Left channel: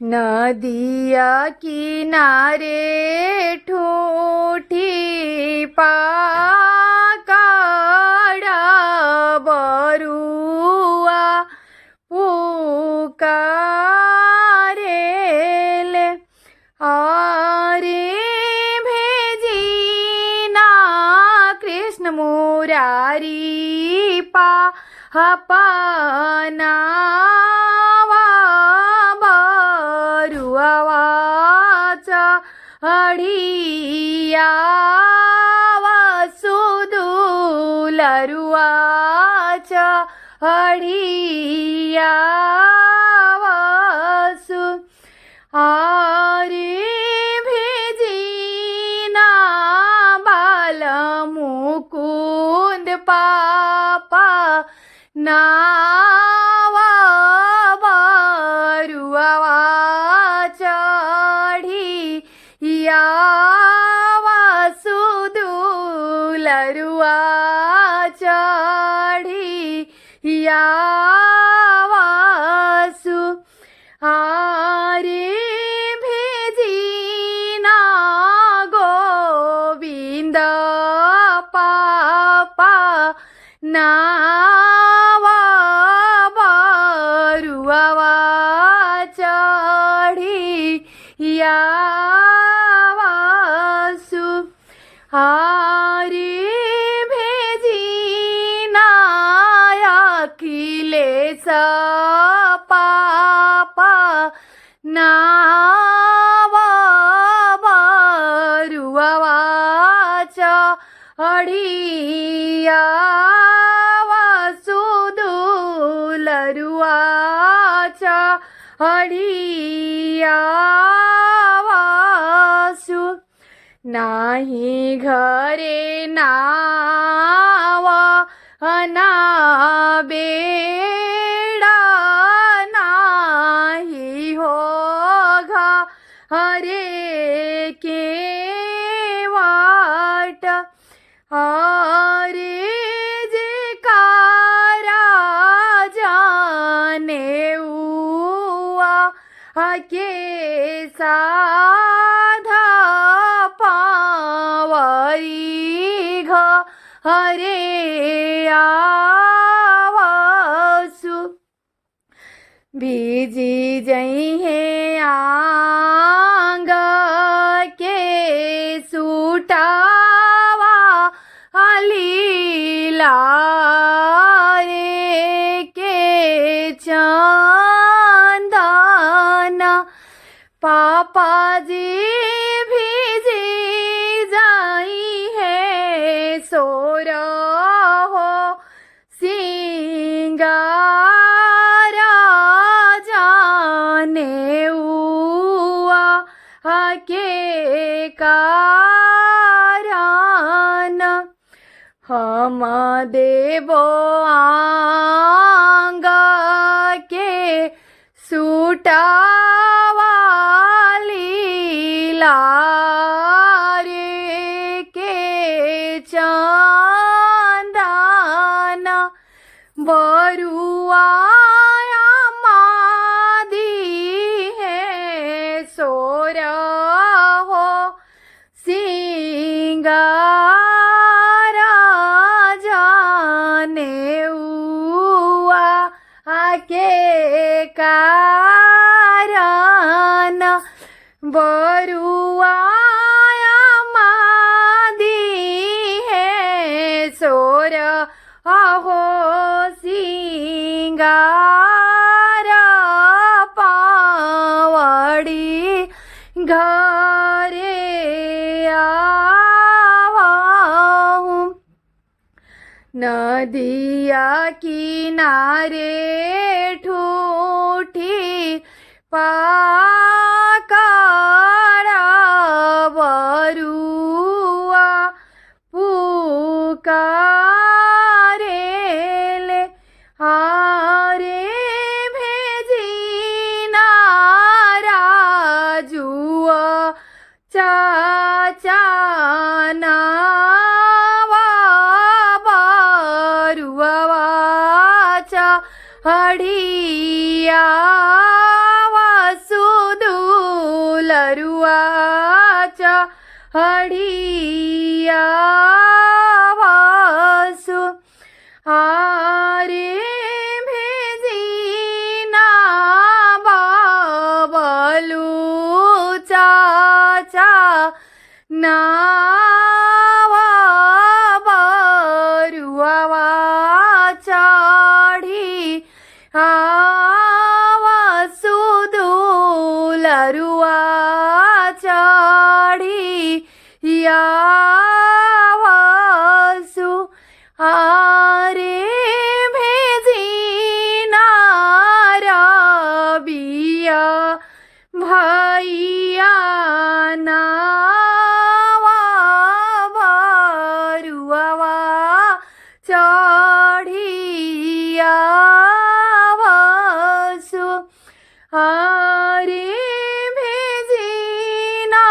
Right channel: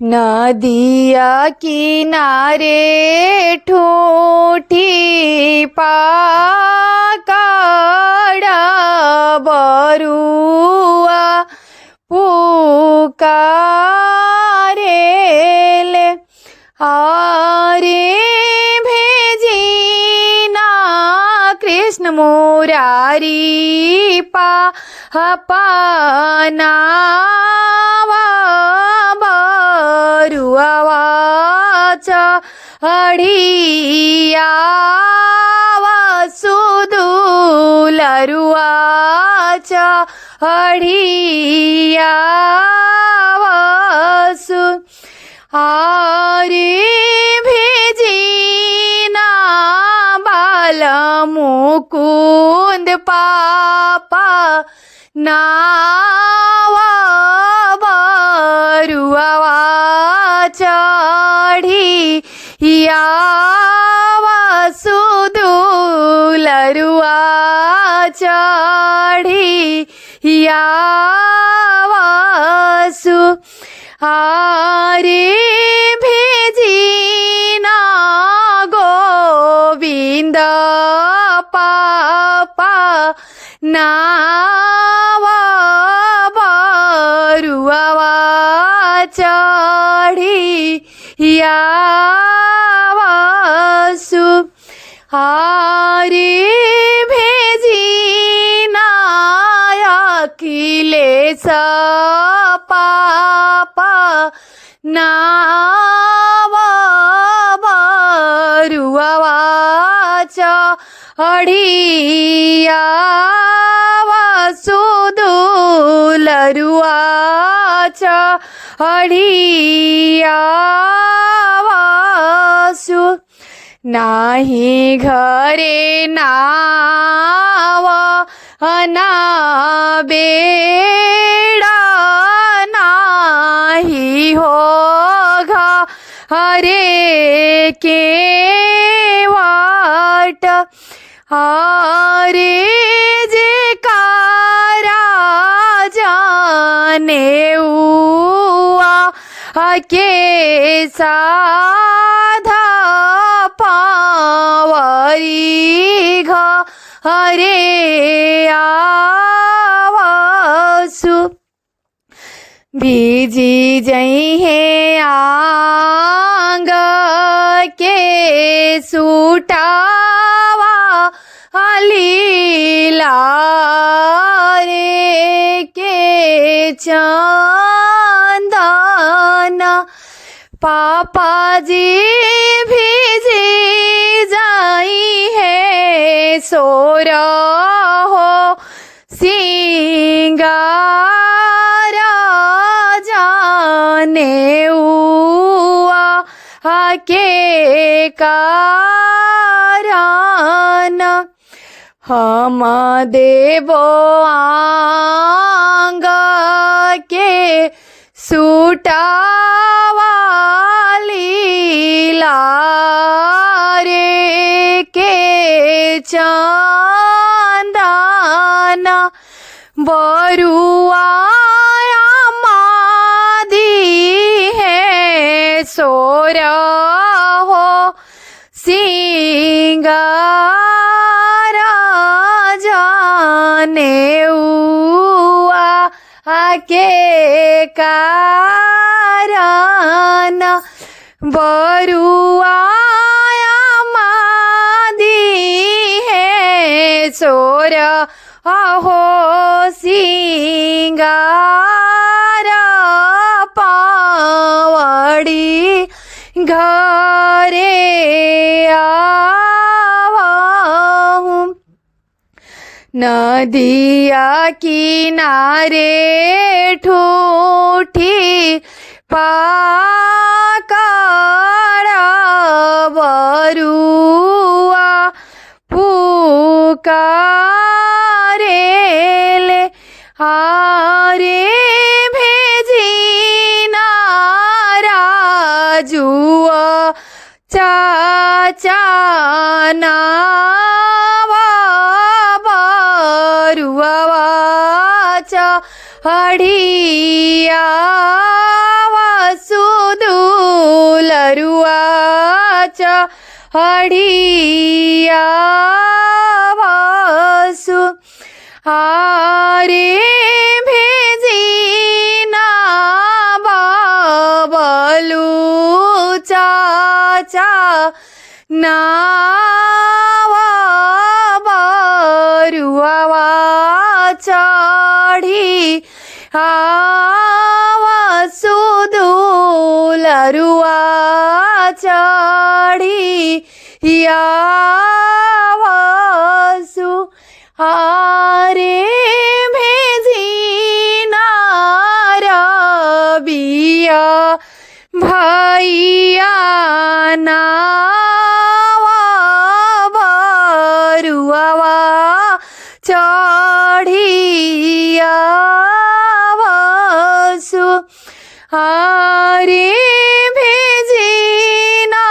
नदिया किनारे ठूठी पाकाड़ा बरुआ पुकारेले आरे भेजिना कृष्ण मुरारी पाना बरुआवाचा अडिया वसुदुलरुआचा अडिया वसु आरे भेजिना बाल मुकुंद पापा नावा बरुआवाचा अडिया वसुदुलरुआचा अडिया वसु आरे भेजिना गोविंद पापा नावा बरुआवाचा अडिया वसु आरे भेजिना अखिलेश पापा नावा बरुआवाचा अडिया वसुदुलरुआचा अडिया वसु नाही घरे नावा अनाबेडा नाही हो घरे के वाट आरे जे कारा जाने उआ के साधा पावरी घरे आवसु बीजी जई है आंग के सूटावा अलीला रे के चंदना पापा जी भीजी जाई है सोरा हो सिंगारा जाने उआ के कारण हम देवो आंग के सूटावा लीला रे के चंदना बरुआ मादी है सोरा हो सिंगारा जाने उआ के कारण बरुआ मादी है सोरा आहो सिंगारा पावड़ी घरे आवाहूँ नदिया किनारे ठूठी पाकाड़ा बरुआ पुकारेले आरे भेजिना राजुआ चाचा नावा बरुआवाचा अडिया वसुदुलरुआचा हडिया वासु आरे भेजिना बाबलु चाचा नावा बरुआवा चढ़ी आवा सुदुलरुआ चढ़ी यावासु आरे भेजिना रबिया भैया नावा बरुआवा चढ़िया वासु आरे भेजिना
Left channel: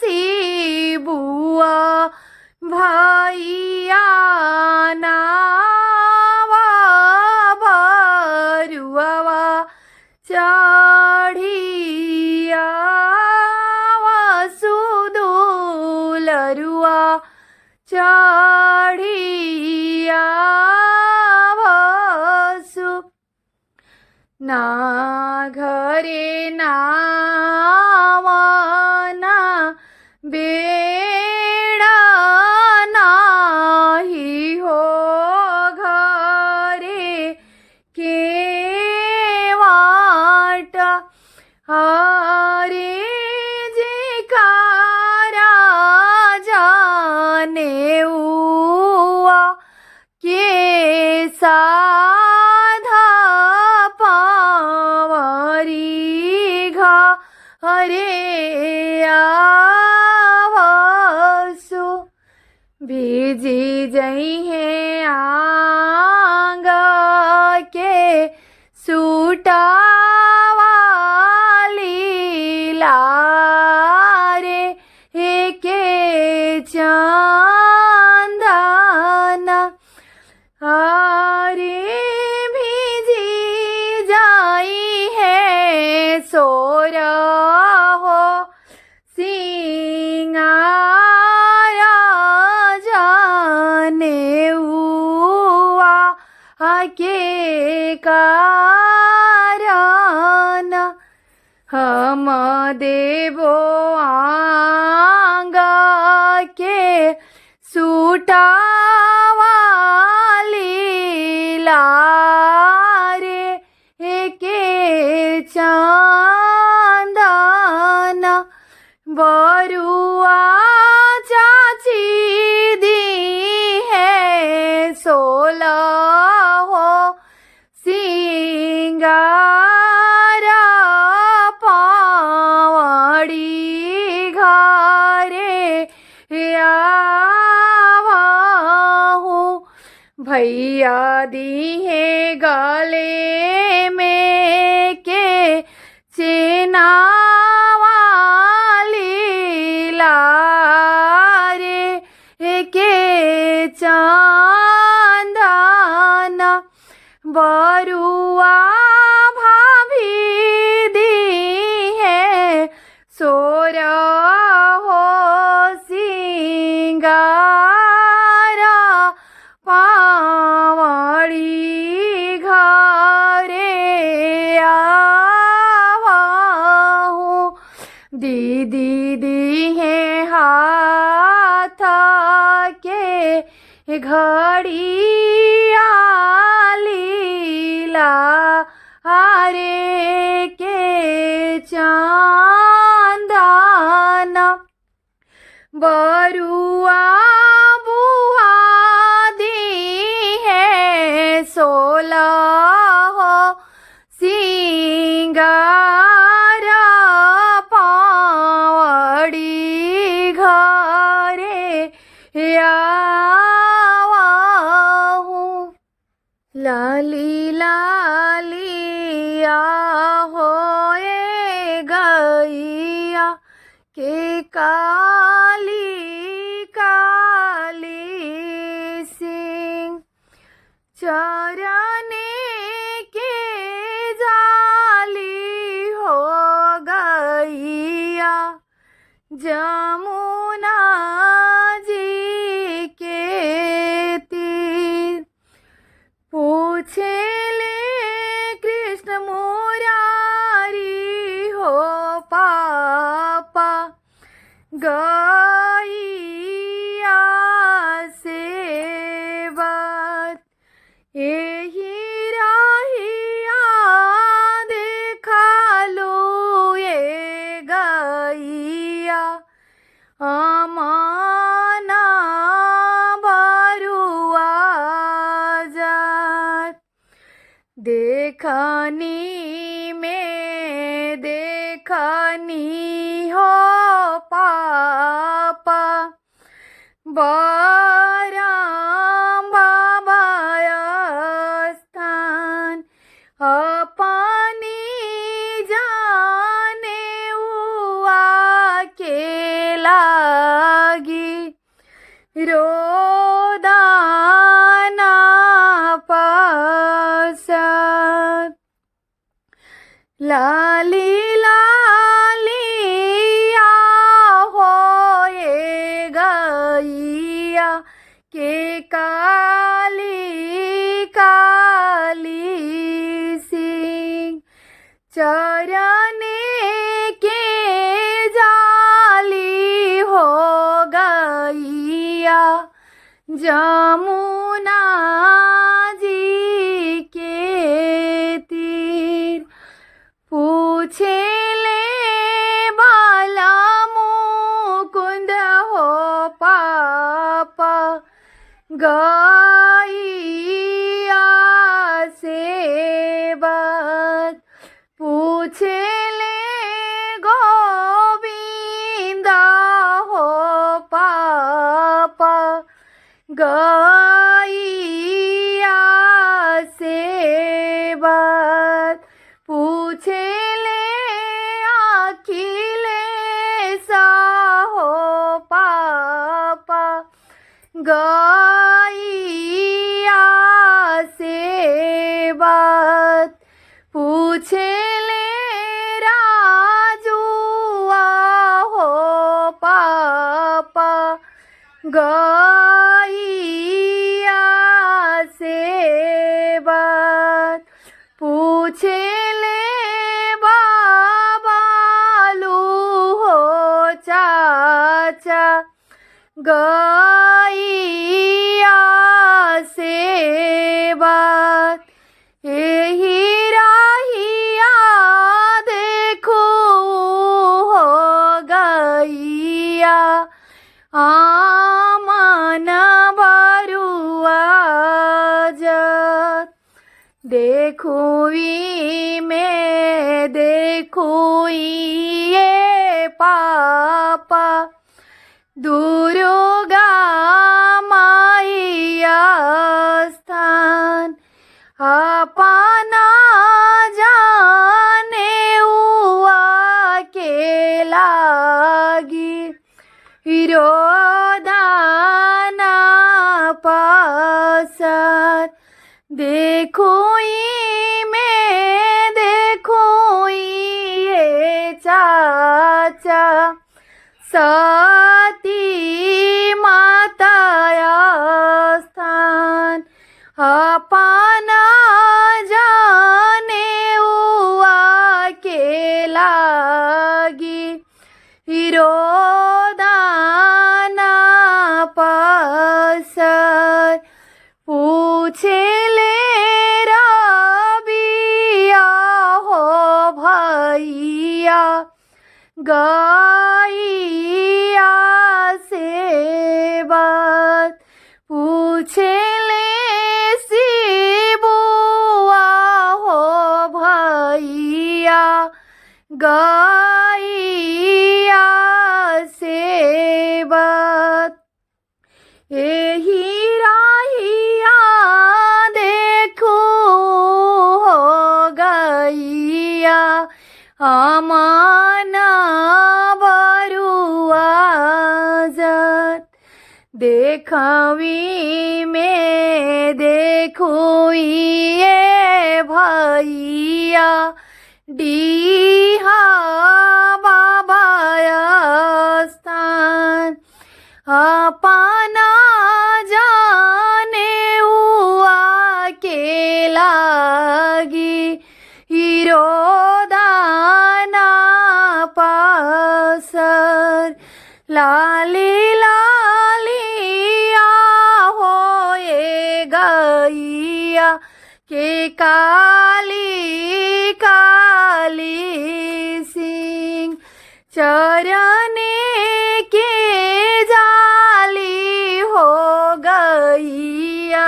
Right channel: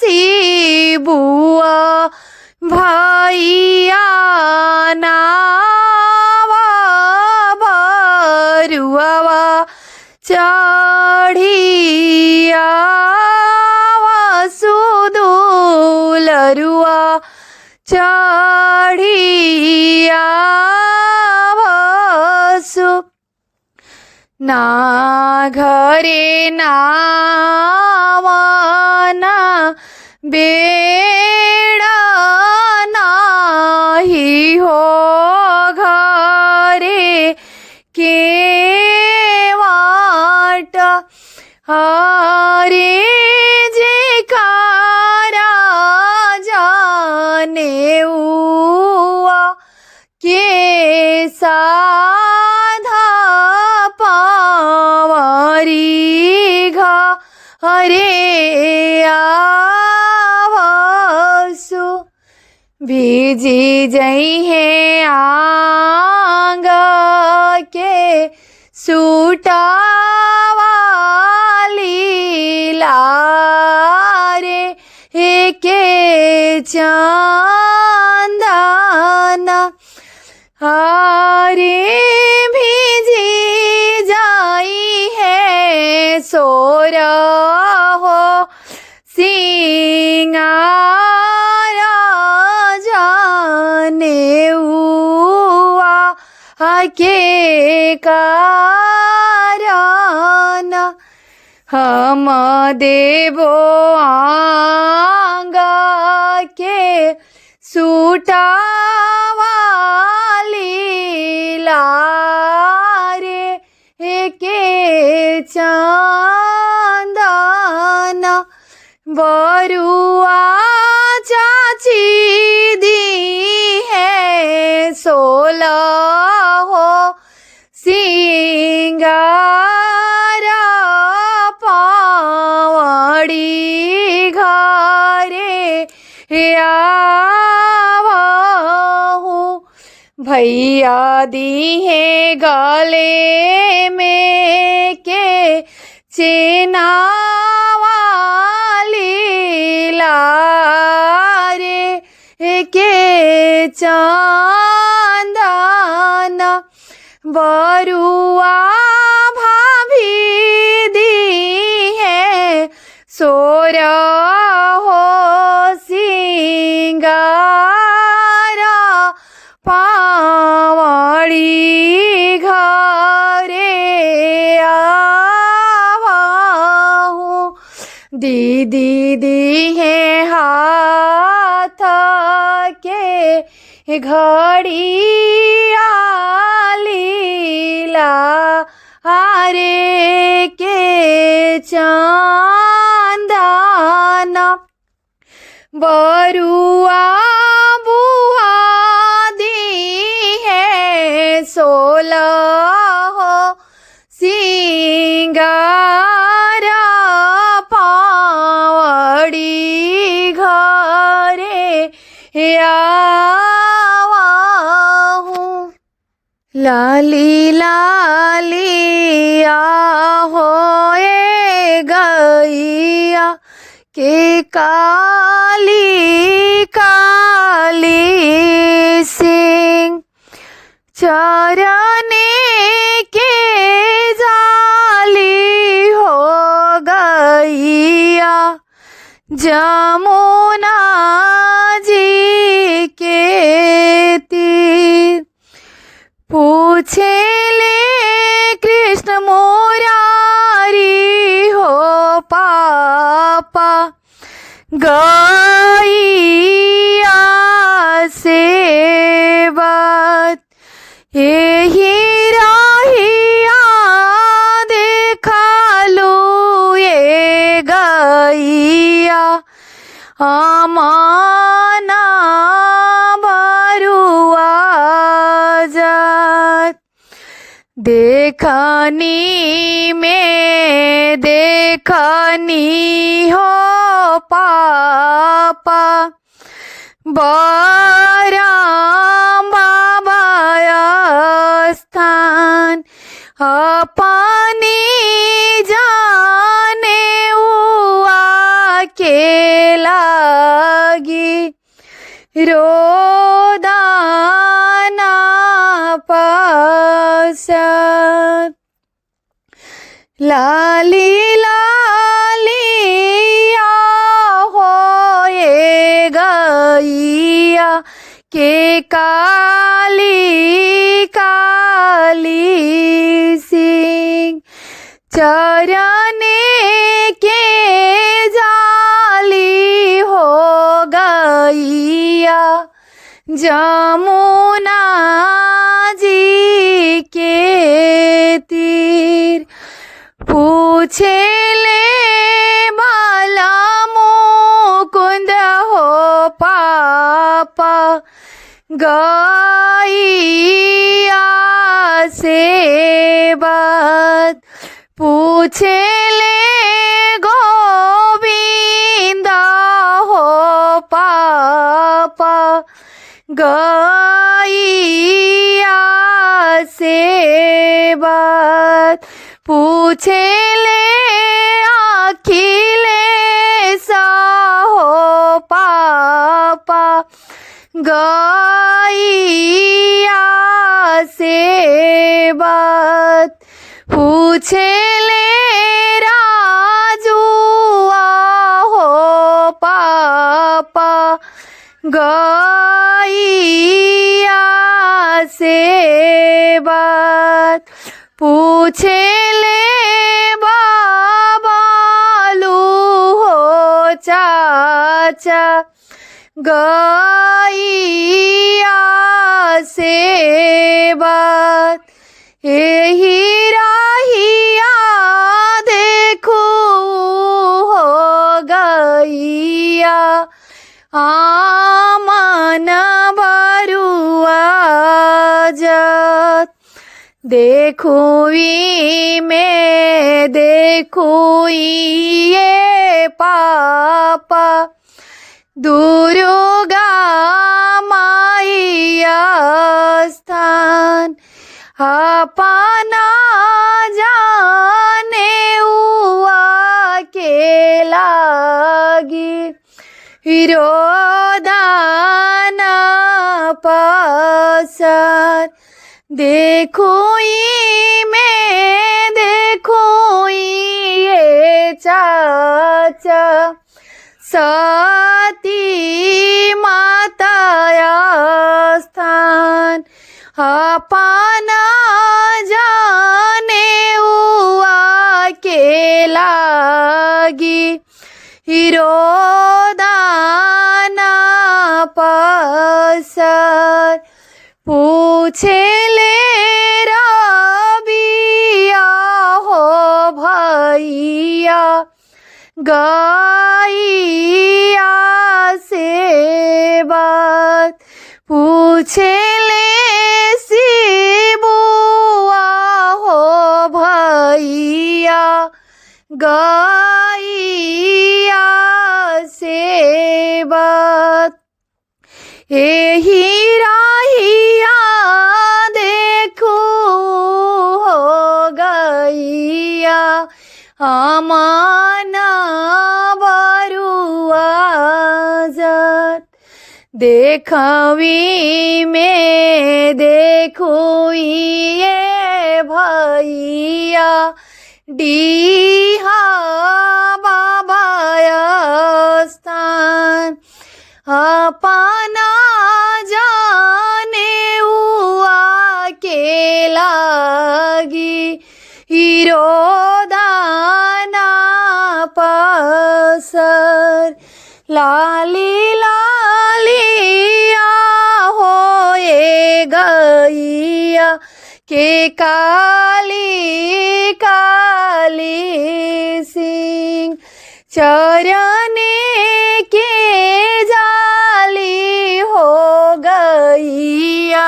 शिबुआ भैया नावा बरुआवा चढ़िया वासु दुलरुआ चढ़िया वासु ना घरे नावाना बेड़ा नाही हो घरे के वाटा हरे जे कारा जाने हुआ के साधा पावरी घा हरे आवासु भीजी जई है आंगा के सूटावाली लारे के चांदना हारे भीजी जाई है सोरा हो सिंगारा जाने हुआ के कारण हम देवो आंगा के सूटावाली लारे के चांदना बरुआ चाची दी है 16 हो सिंगारा पावड़ी घरे आवाहू भैया दी है गले में के चेनावाली लारे के चांदना बरुआ भाभी दी है सोरा हो सिंगारा पावड़ी घरे आवाहू दीदी दी है हाथ के घड़िया लीला हरे के चांदना बरुआ बुआ दी है 16 हो सिंगारा पावड़ी घरे आवाहू लाली लाली आहो ए गैया के काली काली सिंह चरने के जाली हो गैया जमो देखनी में देखनी हो पापा बराम बाबा स्थान अपनी जाने हुआ के लागी रोदाना पासा लाली लालिया होए गैया के काली काली सिंह चरने के जाली हो गैया जमुना जी के तीर पूछे ले बाला मुकुंद हो पापा गैया से बात पूछे ले गोविंद हो पापा गैया से बात पूछे ले अखिलेश हो पापा गैया से बात पूछे ले राजू हो पापा गैया से बात पूछे ले बाबालू हो चाचा गैया से बात यही राहिया देखो हो गैया आमन बरुआ जात देखुई में देखुई ये पापा दुर्गा माईया स्थान अपना जाने हुआ के लागी रोदाना पासर देखोई में देखोई ये चाचा सती माताया स्थान अपना जाने हुआ के लागी रोदाना पासर पूछे ले रबिया हो भैया गैया से बात पूछे ले शिबुआ हो भैया गैया से बात यही राहिया देखो हो गैया अमाना बरुआ जात देखवी में देखोई ये भैया डीहा बाबा स्थान अपना जाने हुआ के लागी रोदाना पासर लाली लालिया होए गैया के काली काली सिंह चरने के जाली हो गैया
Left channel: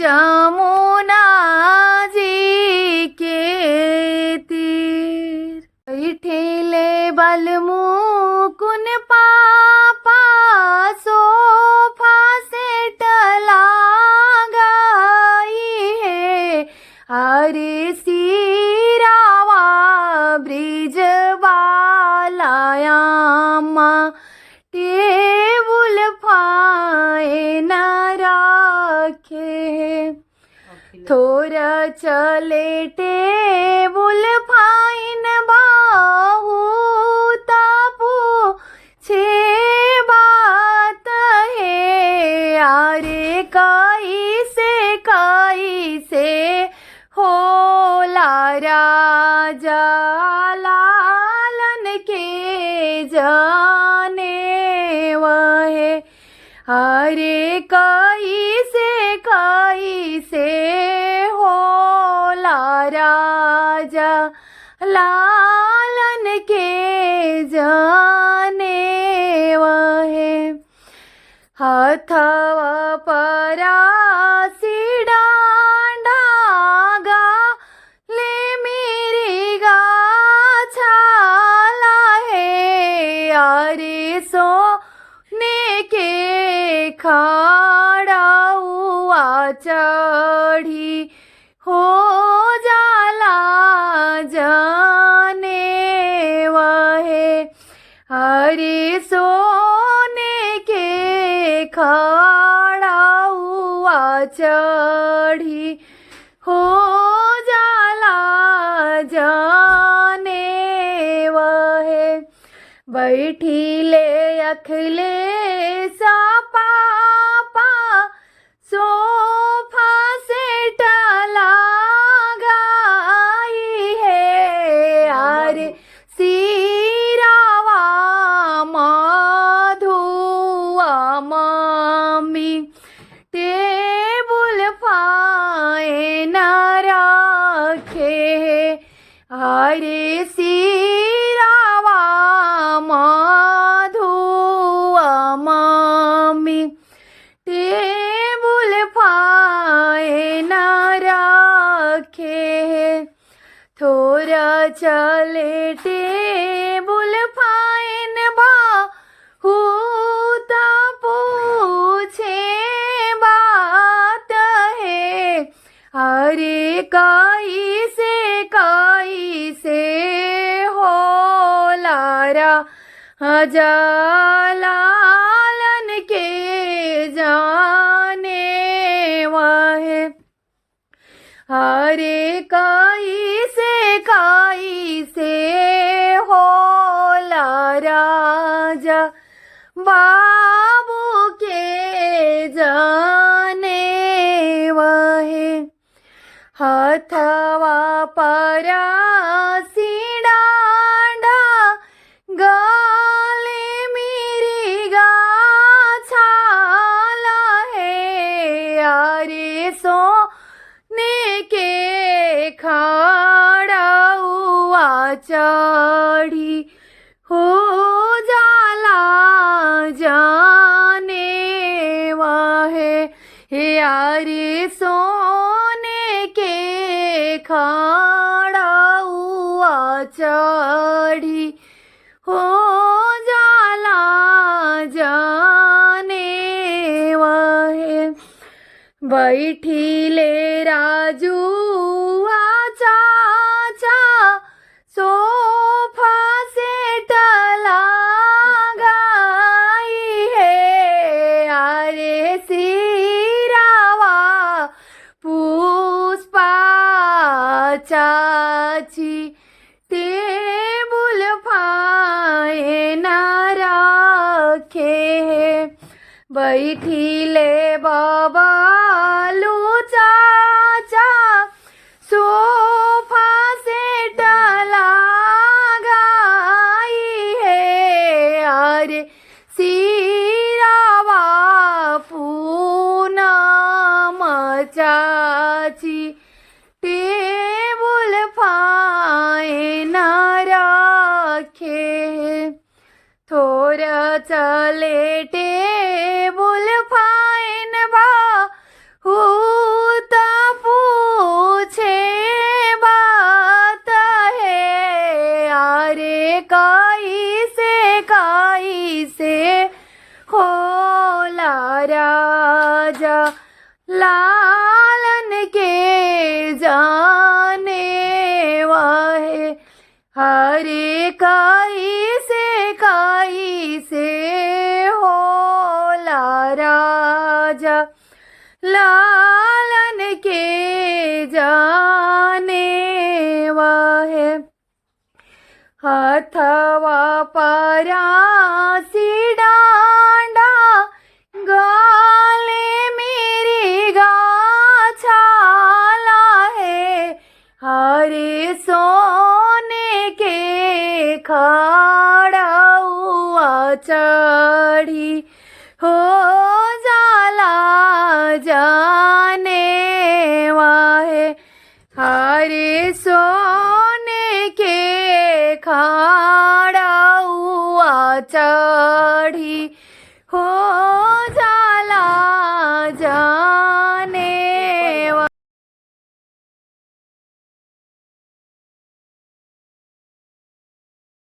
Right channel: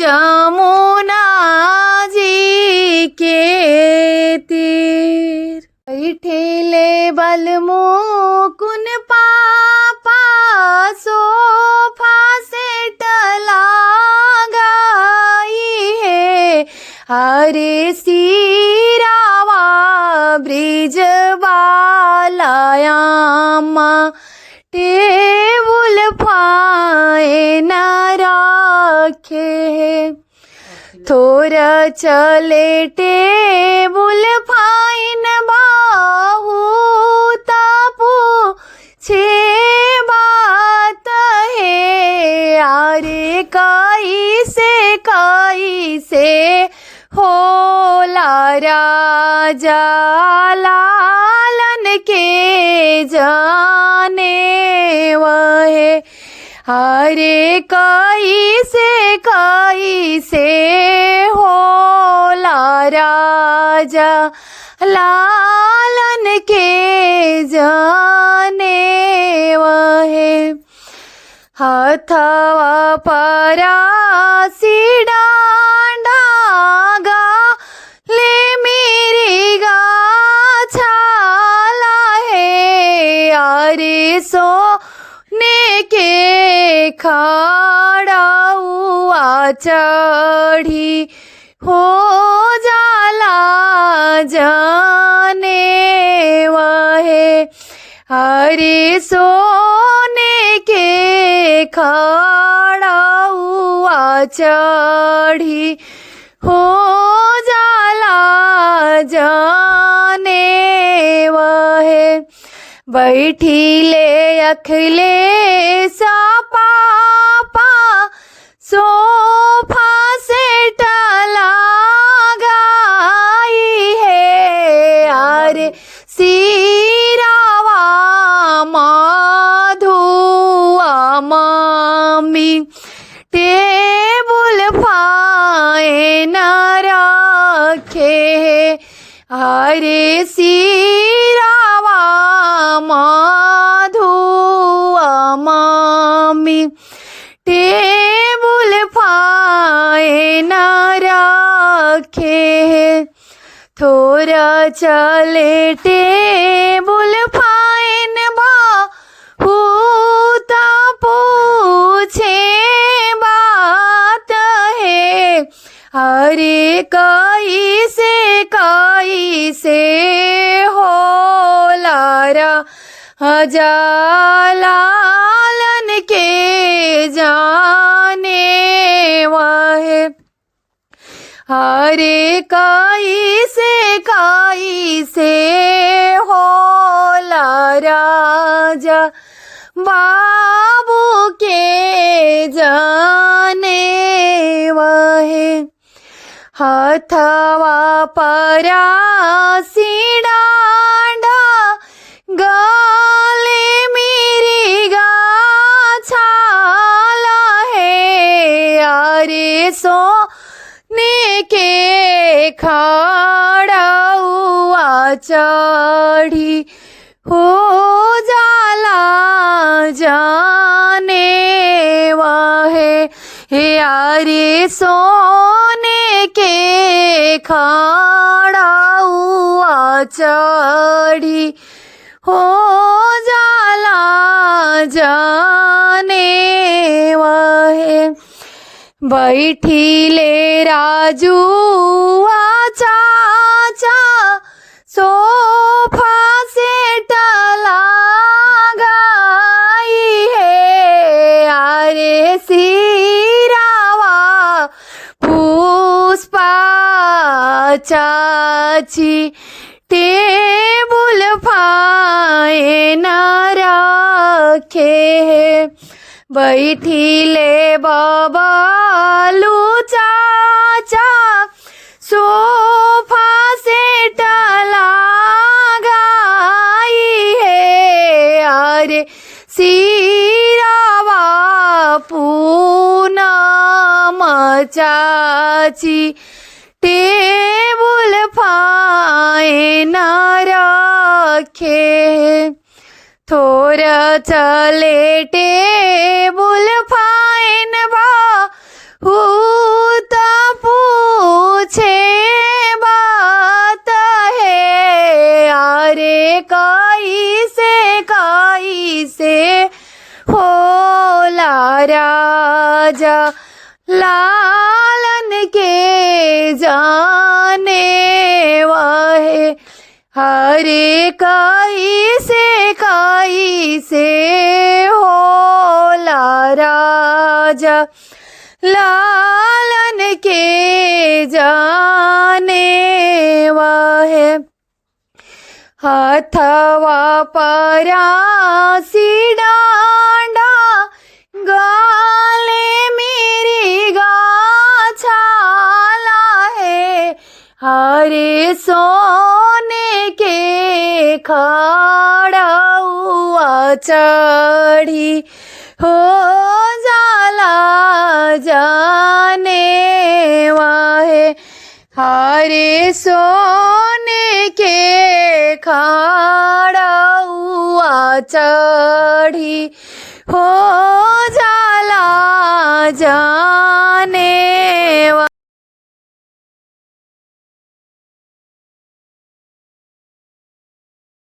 जमुना जी बलमुकुन पापा सोफा सेट लगाई है। अरे सिरावा ब्रिज बालायामा टेबुल फाइन रखे है। थोड़ा चले टेबुल फाइन बाहू तपू छे बात है। अरे कैसे होला राजा लालन के जाने वहे। अरे कैसे होला राजा लालन के जाने वहे। हथवा परासी डांडा गाले मेरी गाछाला है। अरे सोने के खाड़ा हुआ चढ़ी हो जाला जाने वहे। अरे सोने के खाड़ा हुआ चढ़ी हो जाला जाने वहे। बैठी ले अखले सा पापा सोफा सेट लगाई है। अरे सिरावा माधुआ मामी टेबुल फाइन रखे है। अरे सिरावा माधुआ मामी टेबुल फाइन रखे है। थोड़ा चले टेबुल फाइन बाहू पूछे बात है। अरे कैसे होला राजा लालन के जाने वहे। अरे कैसे होला राजा बाबू के जाने वहे। हथवा परासी डांडा गाले मेरी गाछाला है। अरे सोने के खाड़ा हुआ चढ़ी हो जाला जाने वहे। अरे सोने के खाड़ा हुआ चढ़ी हो जाला जाने वहे। बैठी ले राजू चाचा सोफा सेट लगाई है। अरे सिरावा पुष्पा चाची टेबुल फाइन रखे है। बैठी ले बबालू चाचा सोफा सेट लगाई है। अरे सिरावा पूनम चाची टेबुल फाइन रखे है। थोड़ा चले टेबुल फाइन बाहू पूछे बात है। अरे काई से होला राजा लालन के जाने वाहे। हरे काई से होला राजा लालन के जाने वाहे। हथवा परासी डांडा गाले मेरे गाछाला है। हरे सोने के खड़ा हुआ चढ़ी हो जाला जाने वाहे। हरे सोने के खड़ा हुआ चढ़ी हो